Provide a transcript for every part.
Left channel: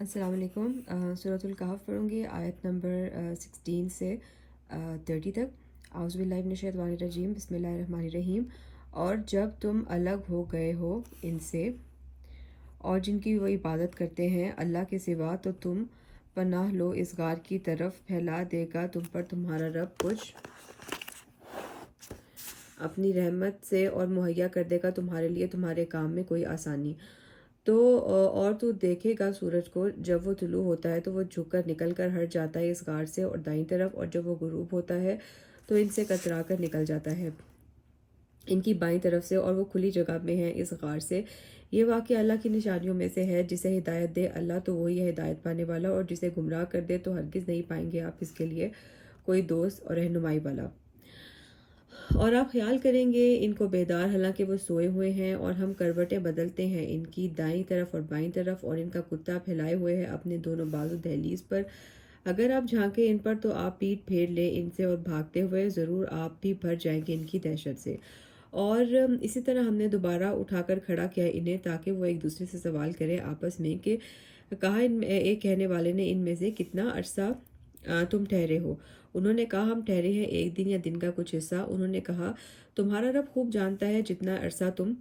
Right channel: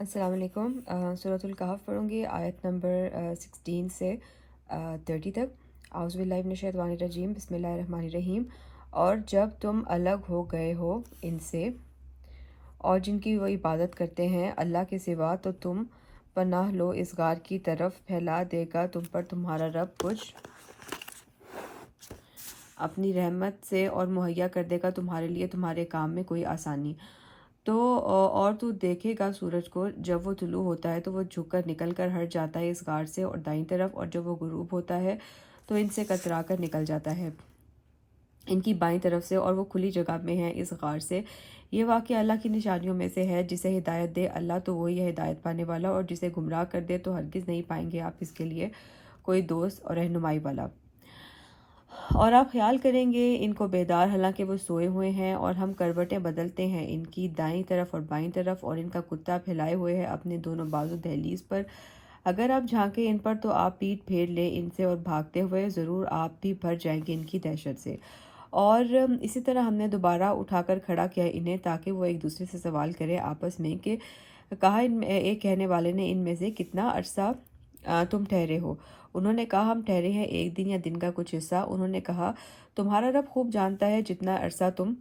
السلام علیکم۔ سورۃ الکہف پڑھوں گی، آیت نمبر 16 سے 30 تک۔ اعوذ باللہ من الشیطان الرجیم، بسم اللہ الرحمن الرحیم۔ اور جب تم الگ ہو گئے ہو ان سے اور جن کی وہ عبادت کرتے ہیں اللہ کے سوا، تو تم پناہ لو اس غار کی طرف، پھیلا دے گا تم پر تمہارا رب کچھ اپنی رحمت سے اور مہیا کر دے گا تمہارے لیے تمہارے کام میں کوئی آسانی۔ تو اور تو دیکھے گا سورج کو جب وہ طلوع ہوتا ہے تو وہ جھک کر نکل کر ہٹ جاتا ہے اس غار سے اور دائیں طرف، اور جب وہ غروب ہوتا ہے تو ان سے کترا کر نکل جاتا ہے ان کی بائیں طرف سے، اور وہ کھلی جگہ میں ہیں اس غار سے۔ یہ واقعہ اللہ کی نشانیوں میں سے ہے، جسے ہدایت دے اللہ تو وہی ہے ہدایت پانے والا، اور جسے گمراہ کر دے تو ہرگز نہیں پائیں گے آپ اس کے لیے کوئی دوست اور رہنمائی والا۔ اور آپ خیال کریں گے ان کو بیدار حالانکہ وہ سوئے ہوئے ہیں، اور ہم کروٹیں بدلتے ہیں ان کی دائیں طرف اور بائیں طرف، اور ان کا کتا پھیلائے ہوئے ہے اپنے دونوں بازو دہلیز پر۔ اگر آپ جھانکیں ان پر تو آپ پیٹ پھیر لیں ان سے، اور بھاگتے ہوئے ضرور آپ بھی بھر جائیں گے ان کی دہشت سے۔ اور اسی طرح ہم نے دوبارہ اٹھا کر کھڑا کیا انہیں، تاکہ وہ ایک دوسرے سے سوال کرے آپس میں کہ کہا ایک کہنے والے نے ان میں سے کتنا عرصہ تم ٹھہرے ہو؟ انہوں نے کہا ہم ٹھہرے ہیں ایک دن یا دن کا کچھ حصہ۔ انہوں نے کہا تمہارا رب خوب جانتا ہے جتنا عرصہ تم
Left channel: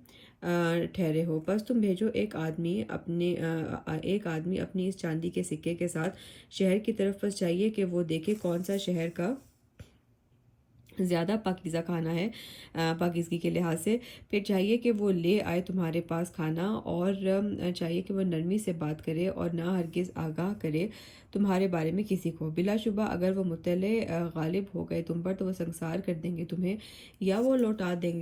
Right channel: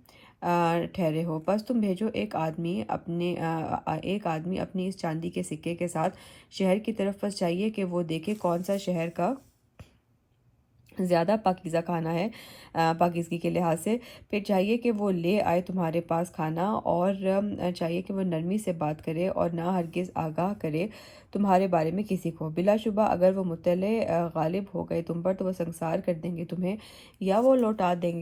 ٹھہرے ہو، بس تم بھیجو ایک آدمی اپنی اس چاندی کے سکے کے ساتھ شہر کی طرف، بس چاہیے کہ وہ دیکھے کون سا شہر کا زیادہ پاکیزہ کھانا ہے پاکیزگی کے لحاظ سے، پھر چاہیے کہ وہ لے آئے تمہارے پاس کھانا، اور چاہیے کہ وہ نرمی سے بات کرے اور نہ ہرگز آگاہ کرے تمہارے بارے میں کسی کو۔ بلا شبہ اگر وہ مطلع غالب ہو گئے تم پر تو وہ سنگسار کر دیں گے تمہیں، یا وہ لوٹا دیں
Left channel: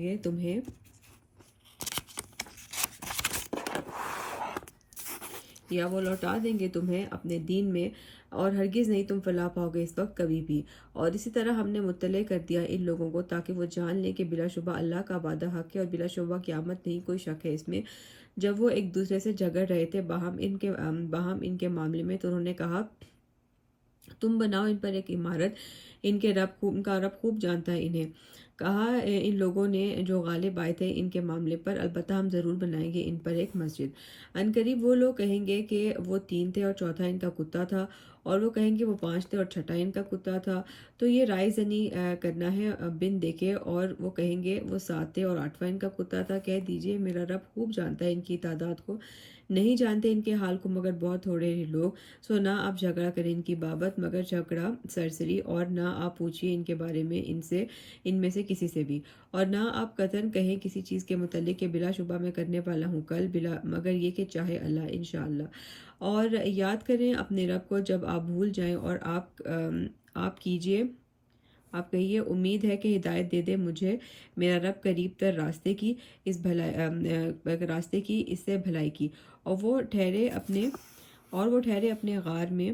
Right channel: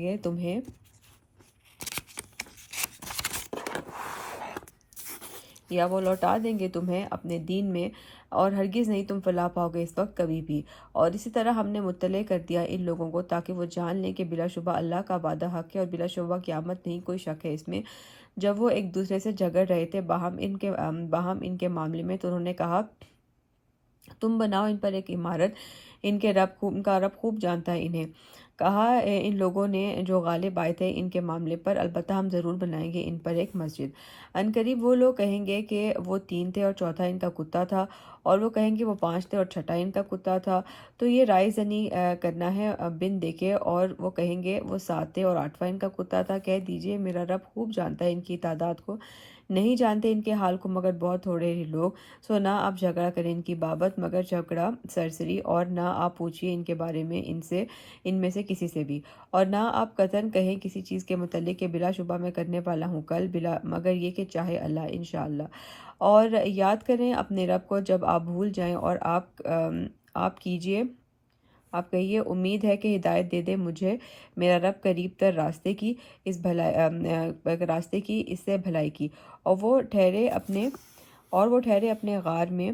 گے تمہیں اپنے دین میں، اور ہرگز نہیں تم فلاح پاؤ گے اس وقت کبھی بھی۔ اور اسی طرح ہم نے مطلع کر دیا ان لوگوں کو تاکہ وہ جان لیں کہ بلا شبہ اللہ کا وعدہ حق ہے، اور بلا شبہ قیامت نہیں کوئی شک ہے اس میں۔ جب وہ ایک دوسرے سے جھگڑ رہے تھے باہم ان کے معاملے میں، تو انہوں نے کہا تم بناؤ ان پر ایک عمارت، ان کا رب خوب جانتا ہے انہیں۔ کہا ان لوگوں نے جو غالب آئے تھے ان کے معاملے پر، البتہ ہم ضرور بنائیں گے ان پر ایک مسجد۔ عنقریب وہ لوگ کہیں گے کہ وہ 3 تھے اور چوتھا ان کا کتا تھا، اور وہ کہیں گے وہ 5 تھے اور چھٹا ان کا کتا تھا، تو یہ رائے زنی کرنا ہے بن دیکھے، اور وہ کہیں گے وہ 7 تھے اور 8واں ان کا کتا تھا۔ کہہ دیجئے میرا رب خوب جانتا ہے ان کی تعداد کو، نہیں جانتے ان کے حال کو مگر بہت تھوڑے ہی لوگ۔ سو نہ آپ جھگڑا کریں ان کی بابت مگر جھگڑا سرسری، اور نہ آپ پوچھئے ان کے بارے میں ان میں سے کسی سے بھی، اور نہ آپ قطعاً کہیں کسی چیز کے متعلق کہ بلا شبہ میں کرنے والا ہوں کل، مگر یہ کہ چاہے اللہ انشاءاللہ۔ اور یاد کریں اپنے رب کو جب آپ بھول جائیں، اور آپ کہیے امید ہے کہ ہدایت دے دے مجھے میرا رب قریب تر راستے کی اس سے بھلائی کی۔ اور وہ ٹھہرے اپنے غار میں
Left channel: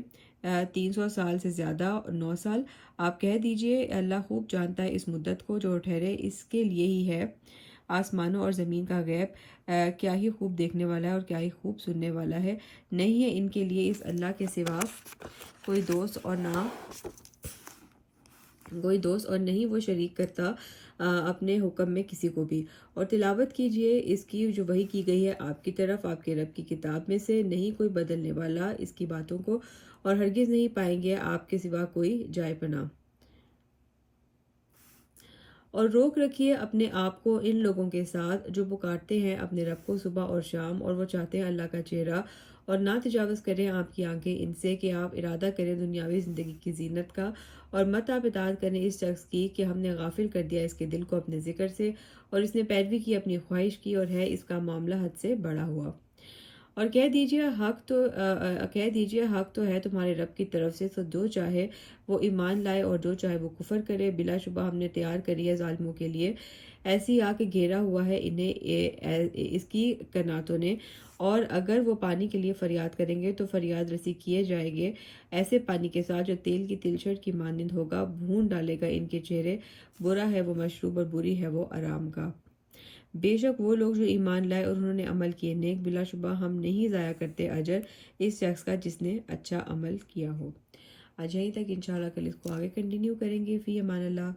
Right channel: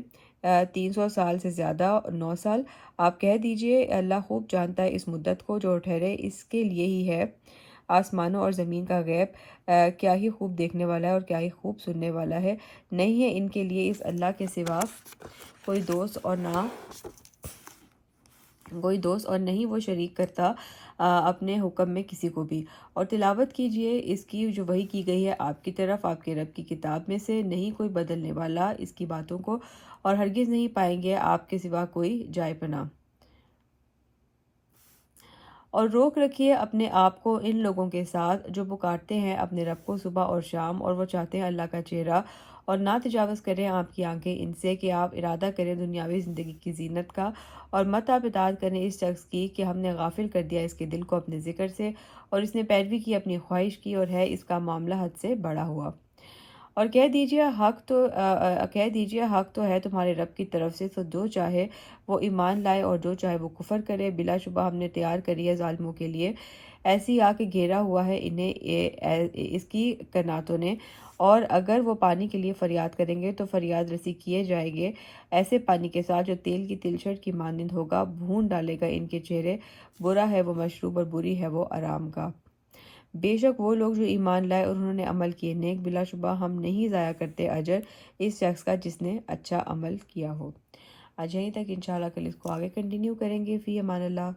300 سال سے زیادہ، 9 سال۔ آپ کہہ دیجئے اللہ خوب جانتا ہے اس مدت کو جو ٹھہرے، اس کے لیے ہی ہے آسمانوں اور زمین کا غیب، کیا ہی خوب دیکھنے والا ہے اور کیا ہی خوب سننے والا ہے۔ نہیں ہے ان کے لیے اس اللہ کے سوا کوئی دوست، اور نہیں وہ شریک کرتا اپنے حکم میں کسی کو بھی۔ اور تلاوت کیجئے اس کی جو وحی کی گئی ہے آپ کی طرف آپ کے رب کی کتاب میں سے، نہیں کوئی بدلنے والا اس کی باتوں کو، اور ہرگز نہیں پائیں گے آپ کے سوا کوئی جائے پناہ۔ اور روک رکھیے اپنے آپ کو ان لوگوں کے ساتھ جو پکارتے ہیں اپنے رب کو صبح اور شام، اور وہ چاہتے ہیں اللہ کا چہرہ، اور نہ تجاوز کریں آپ کی آنکھیں ان سے کہ آپ ارادہ کریں دنیاوی زندگی کی زینت کا، اور مت آپ اطاعت کریں اس شخص کی کہ ہم نے غافل کر دیا اس کے دل کو اپنے ذکر سے، اور اس نے پیروی کی اپنی خواہش کی، اور ہے اس کا معاملہ حد سے بڑا ہوا۔ اور کہہ دیجئے حق تو ہے تمہارے رب کی طرف سے، تو جو چاہے وہ ایمان لائے اور جو چاہے وہ کفر کرے، بلا شبہ ہم نے تیار کری ہے ظالموں کے لیے ایسی آگ کہ گھیرا ہوا ہے انہیں اس کی کناتوں نے، اور اگر وہ پانی کے لیے فریاد کریں گے تو فریاد رسی کیے جائیں گے ایسے پانی کے ساتھ جو تیل کی تلچھٹ کی مانند ہوگا، بھون ڈالے گا ان کے چہرے، برا ہے وہ مشروب اور بری ہے وہ آرام گاہ۔ بے شک وہ لوگ جو ایمان لائے اور انہوں نے عمل کیے نیک، بلا شبہ ہم نہیں ضائع کرتے اجر اس شخص کا جس نے اچھا عمل کیا ہو۔ آج یہیں تک، انشاءاللہ کل اس کو آگے کنٹینیو کریں گے۔ فی امان اللہ۔